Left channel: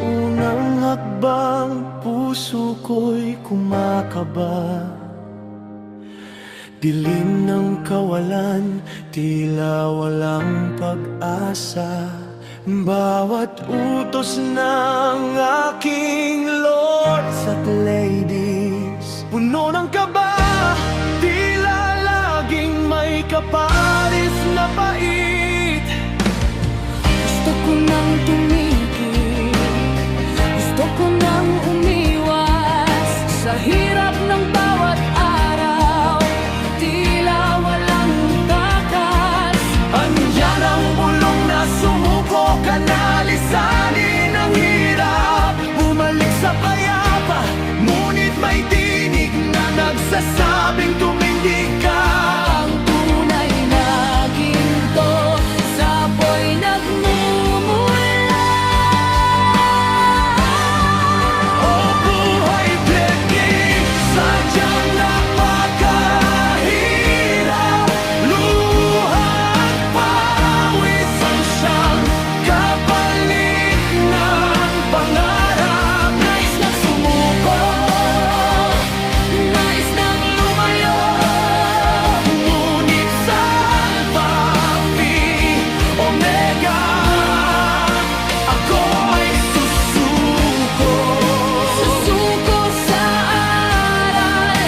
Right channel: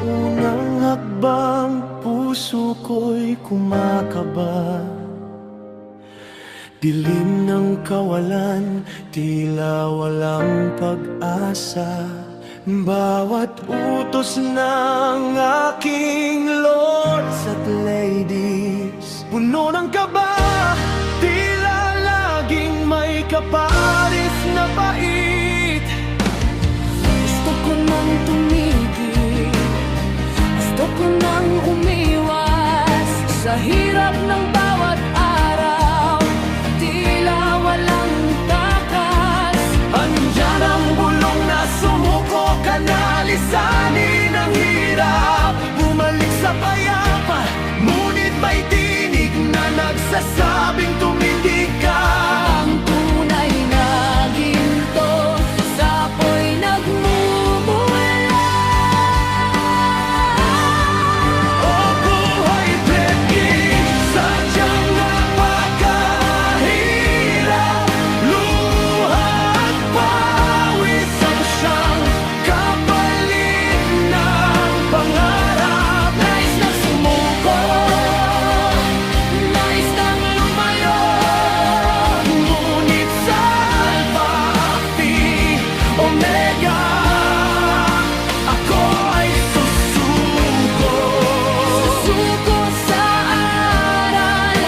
unang hakbang, puso ko'y kumakaba. Dilim ng kawalan, tila walang pag-asa. Bawat utos ng aking lords at ladies, puno ng kaba, tila laging may kaparis na pait. Gusto ko nang tumigil, gusto ko nang umiwas sa hirap ng bawat araw, tila walang takas. Andyan ang bulong na sumuko, kanalisanin ang hirap. Bumalik sa payapa, ngunit may tinig na nagsasabing tumindig ka. Ang tunay na ginto sa apoy nagmumula. Oh buhay Pledging, sadyang napakahirap. Luha at pawis ang siyang kapalit ng pangarap. Nais nang sumuko, nais nang lumayo, Ngunit sa Alpha, Phi, Omega, ako ay susuko. susuko sa aral,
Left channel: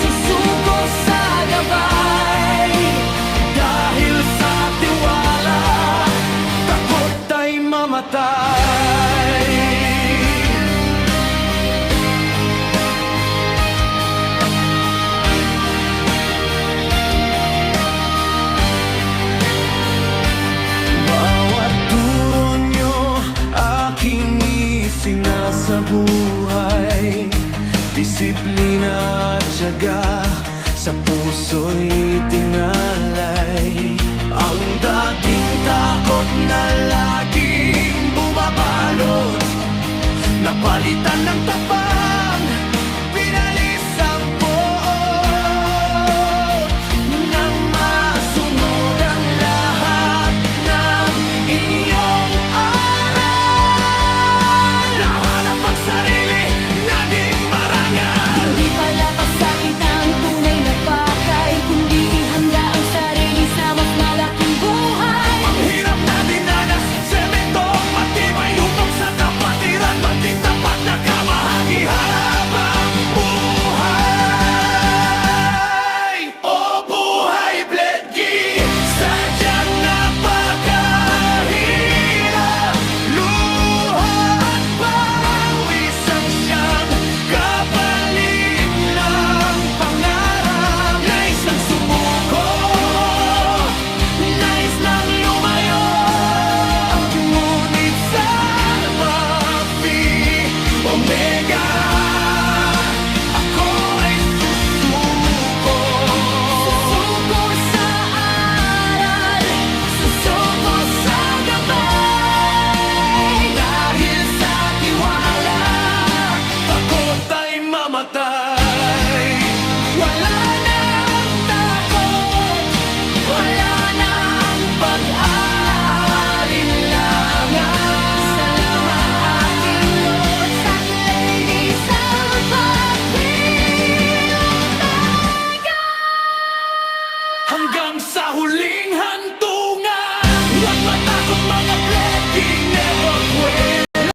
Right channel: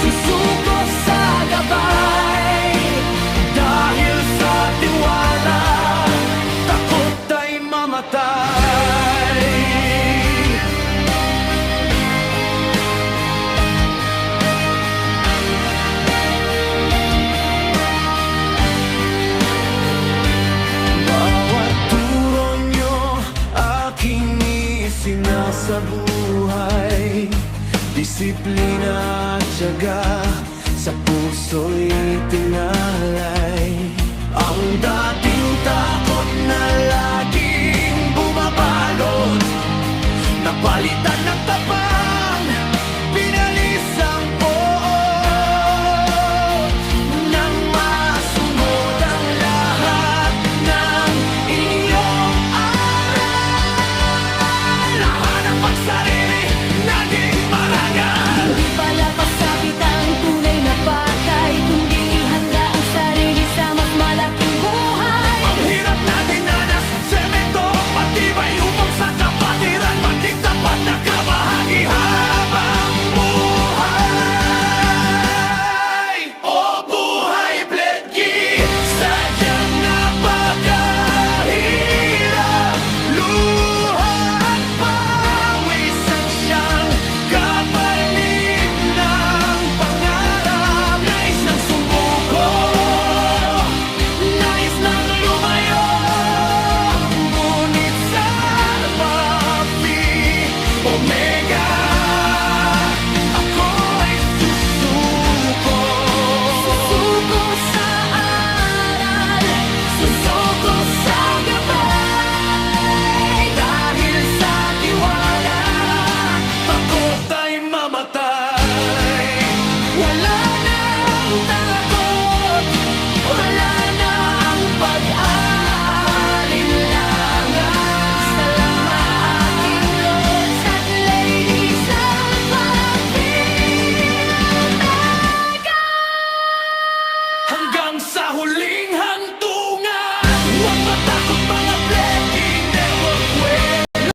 susuko sa gabay. Dahil sa tiwala, takot ay mamatay. Bawat turo nyo, aking isinasabuhay. Disiplina at tiyaga, sa puso'y tinalay. Ang dating takot na laging bumabalot, napalitan ng tapang, pinalis ang poot. Nang masunod ang lahat ng inyong aral, nahanap ang sarili, naging marangal. Hindi pala pasakit ang tunay na pakay, kundi ihanda ang sarili sa mas malaking buhay. Ang hirap na dinanas, sementong matibay upang sa kapatiran maging tapat na kamahagi habang buhay. O buhay Pledging, sadyang napakahirap. Luha at pawis ang siyang kapalit ng pangarap. Nais nang sumuko, nais nang lumayo, ngunit sa Alpha, Phi, Omega, ako ay susuko. Susuko sa aral, susuko sa gabay. Dahil sa tiwala, takot ay mamatay. Wala na ang takot, wala na ang pag-aalinlangan. Salamat aking lords at ladies sa pagpipiltega. Hanggang sa huling hantungan, huwag matakot mga Pledging,